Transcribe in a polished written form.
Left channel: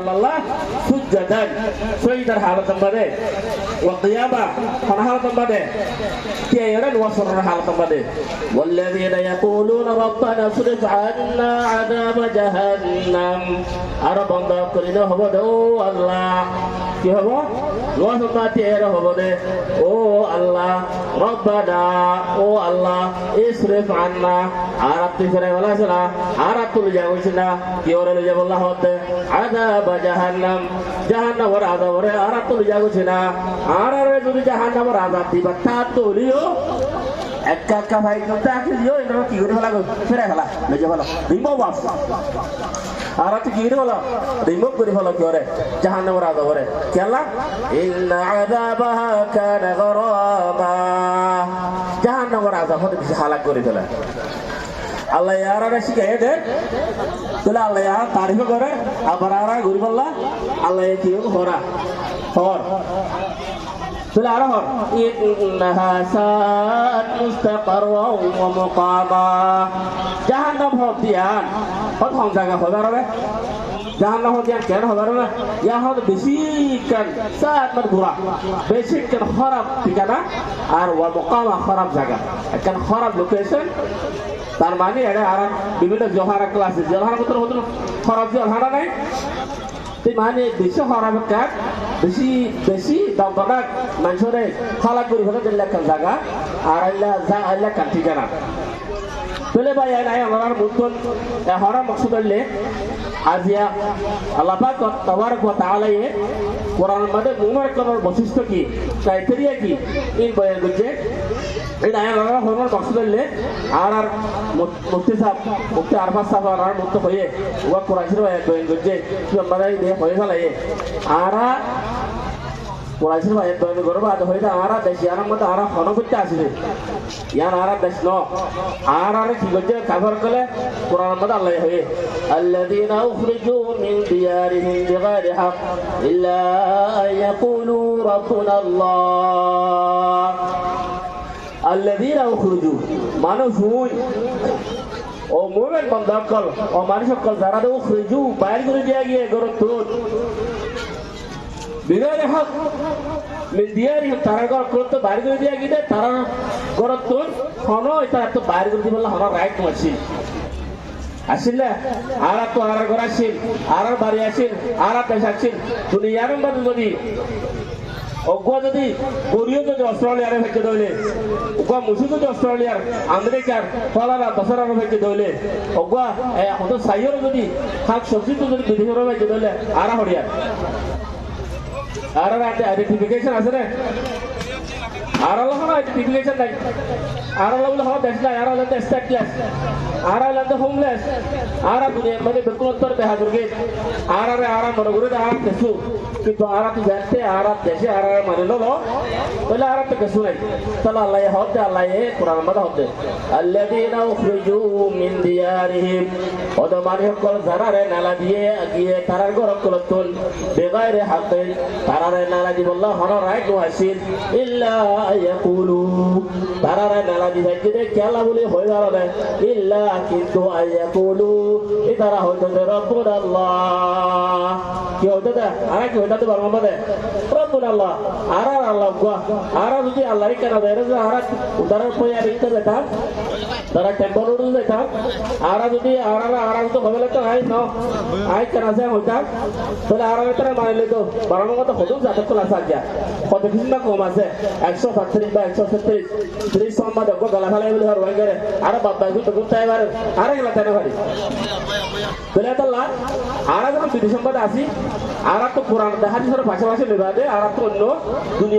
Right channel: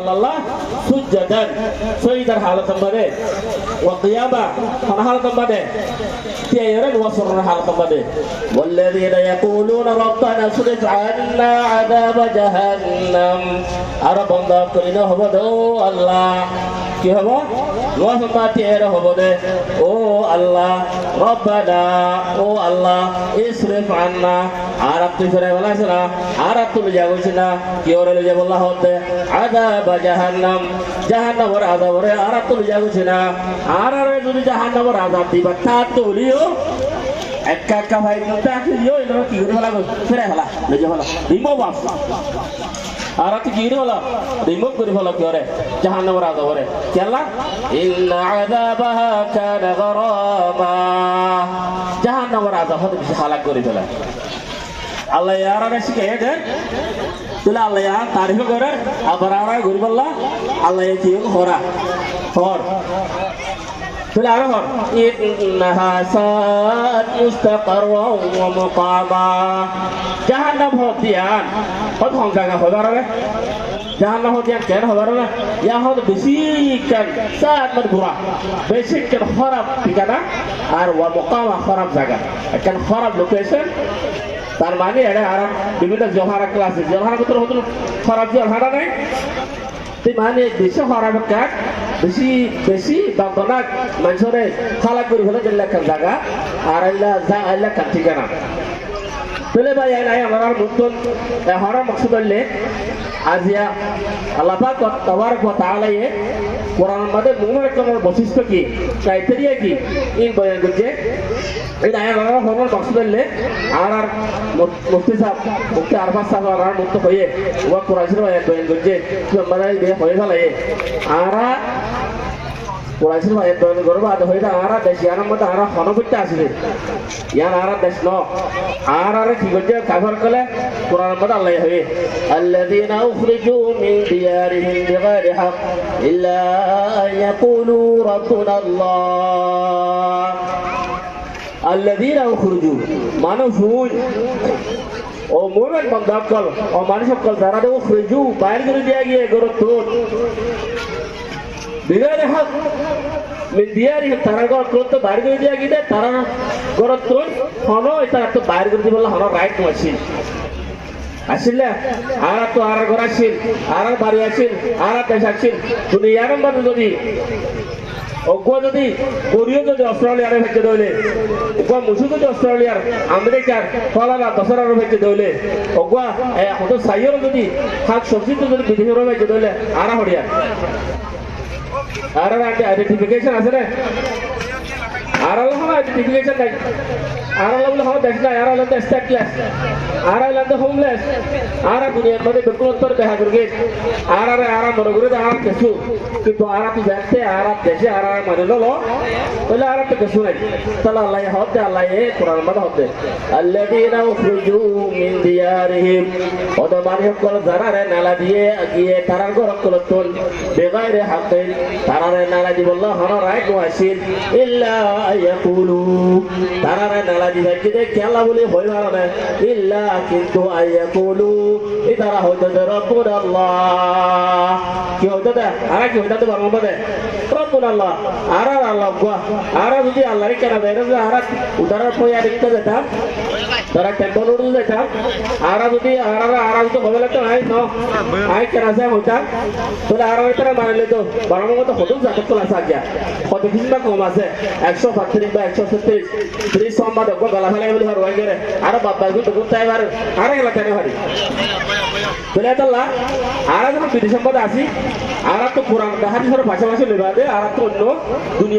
Allah sujjadan sujudar halatan bade wa qiyama kana halatan bade tiyaran wa surra halatan bade walladzina yaquluna rabbana srif 'anna 'adaba jahannam arabanda kulina hobodo Allah কি হবো ওয়াহমা তেরা হবদে ও আল্লাহ রব্বানা ও আল্লাহ ইসরিফ আন্না আরাত ফিরে বলাছনা আরাত তুলে যাবছিনা কি ওরে লয়ে বললা হতে আযাব জাহান্নাম জাহান্নামের আযাবরে আরাত তুলে যাবছিনা আরারে যদি জাহান্নামের আযাব দিবা তা তুলিও একা একা ভাই মতে আকিও এনো কি করে বলা ফিরে বলা লয়ে বলা রিমো বাস আরাত কি করে বলা রিমো করে বলা কি ওরে জাহান্নামের আযাবরে কেলা ইন্না আযাবাহা কানা গরামা জাহান্নামের আযাব হতে বেশি হালাক করে ফেলে আল্লাহ ইয়ারা শিখে দেন তুলা আল্লাহ ইয়া তারিফ করে আবার আরা ঘুরি বললা আল্লাহ কি হরা হর তুলা আরা হর ইন্নাহা সাত মুস্তাকাররা ওয়া মুকামা জাহান্নাম হদিয়ান কত জায়গা হবার রে জাহান্নাম হদিয়ান কেন হবার না ইয়া হদ বেশি কান সাত মত ঘোরা বেশি কান খারাপ ঠিকানা আর ওয়া মুকামা খারাপ জায়গা কান খারাপ লোকেশন তার মানে এটা আর বিভিন্ন জহারা ক্লাসে জহারা কত হতো খারাপ জহারা নাই তাই মানে বেশি খারাপ কাট বেশি বেশি দমদনাক মানুষরে খালা করে ফেলে দিলে কান জায়গা আর আল্লাহ কান ঠিকানা তুলে ভাই নাই আমার মুক্তন হরার মকসুদ হলে আজিয়া আল্লাহ পাক তাবারক ওয়া তাআলা এ কোরআন মধ্যে মুমিনের কোনের বৈশিষ্ট্য কি ক্রাইটেরিয়া কি ইন বয়ান করছে এই আয়া আমার হরার মকসুদ হলে আর মুফতি সাহেব মুফতি আরফাত সাহেব আর মুক্ত হয়ে ওয়া কোরআন শরীফ বয়ান করছে আমরা এই হয়ে গেল আর কোরআন শরীফ বয়ান করব আর হইতা আর দেশ ইয়ার মধ্যে আর হনবতে আসবে ইয়ার আর দেশ ন আর কি করছে কাফর কলে কোরআন মধ্যে আল্লাহ হয়ে আল্লাযীনা উখরিজু মিন দিয়ারিহিম বিগাইরি হক ইল্লা ইয়াকুলু রাব্বুনা আল্লাহ আল্লাযীনা উখরিজু মানুষ হুই ও মুমিন বান্দা কল ও মানুষ কল যারা উখরিজু বাইরে করে দিয়া গিয়ে গরত বিগাইরি হক মিন দিয়ারিহিম তারা গরত বাইরে করে দিয়া গিয়ে তারা গরত হনো এটা তো বাইরে করে দিবলা হনো রাইট মাসি আসিলে আর তো আর ঘর আসিল আর বাড়ি আসিল আর দেশ আসিল দুনিয়ার মধ্যে যদি অজ্ঞ যদি গরিও যদি অস্ট্রেলিয়ার ভেজে দইলে অজ্ঞ মুসু যদি অস্ট্রেলিয়ার আমেরিকার ফলালা দশরার ভেজে দইলে অজ্ঞ হয়তো সাইয়ের যদি শাক সবজি তো যদি বিদেশের ভেজে দইলে আর হরিয়া আর আইডেন্টিফিকেশন আছে না আর আল্লাহ আইডেন্টিফিকেশন নাই আর আল্লাহ বলে হওয়া দেশ নাই আর আল্লাহ স্ট্যাটলেস আর আল্লাহ হোমলেস আর দুনিয়ার মধ্যে বিলকুল উত্তর দেখা করবে আর মনে করি আর কিছু কিন্তু আর তো দেখতে আর দেশে আর মানে লো বলে আর তো কিছু নাই তাহলে আল্লাহ হতে আল্লাহ কোরআন মধ্যে হতে আল্লাযীনা উখরিজু মিন দিয়ারিহিম ওদের মানে হল যারা রে নালা দিয়ে গিয়ে তারা ঘর করতন বেগাইরে হাতে তারা রে নালা দি বলল হন রাইট নো আসিল ইল্লা ইয়াকুলু তারা রে নালা দি দেখতে খেলা বলে হইবার না ইল্লা কিন্তু আয়াকুলু ইতারা হইতে রব্বুল আল্লাহ কি হইতে আর কি হইতে পারবো না রব্বুল আল্লাহ আর আল্লাহ গো আর যদি আল্লাহর কেন দেয় আর উদাহরণ পয়া দেখতে যেতাম তারা টেম্পল উড়ে যেতাম আর যদি আর তো হবে তো আই ন আই কেন যায় হইতাম তাহলে আর তারা মানলে তো বড় মতো হতো যাতে তো আসা গিয়া কত কিছু না কম আছে 135 বা 136 30 সম্মাদ গলা ফেলাই বলে হর ওয়াইগারে আর বাবা গুলো তো তাই আর গেলা কেন হারি বলে আল্লাহ আর যখন বিদেশ সম্পদ আসি আর তো কোরআন হাদিসের পাশাপাশি লেবা দে আর তো অন্য দুনিয়া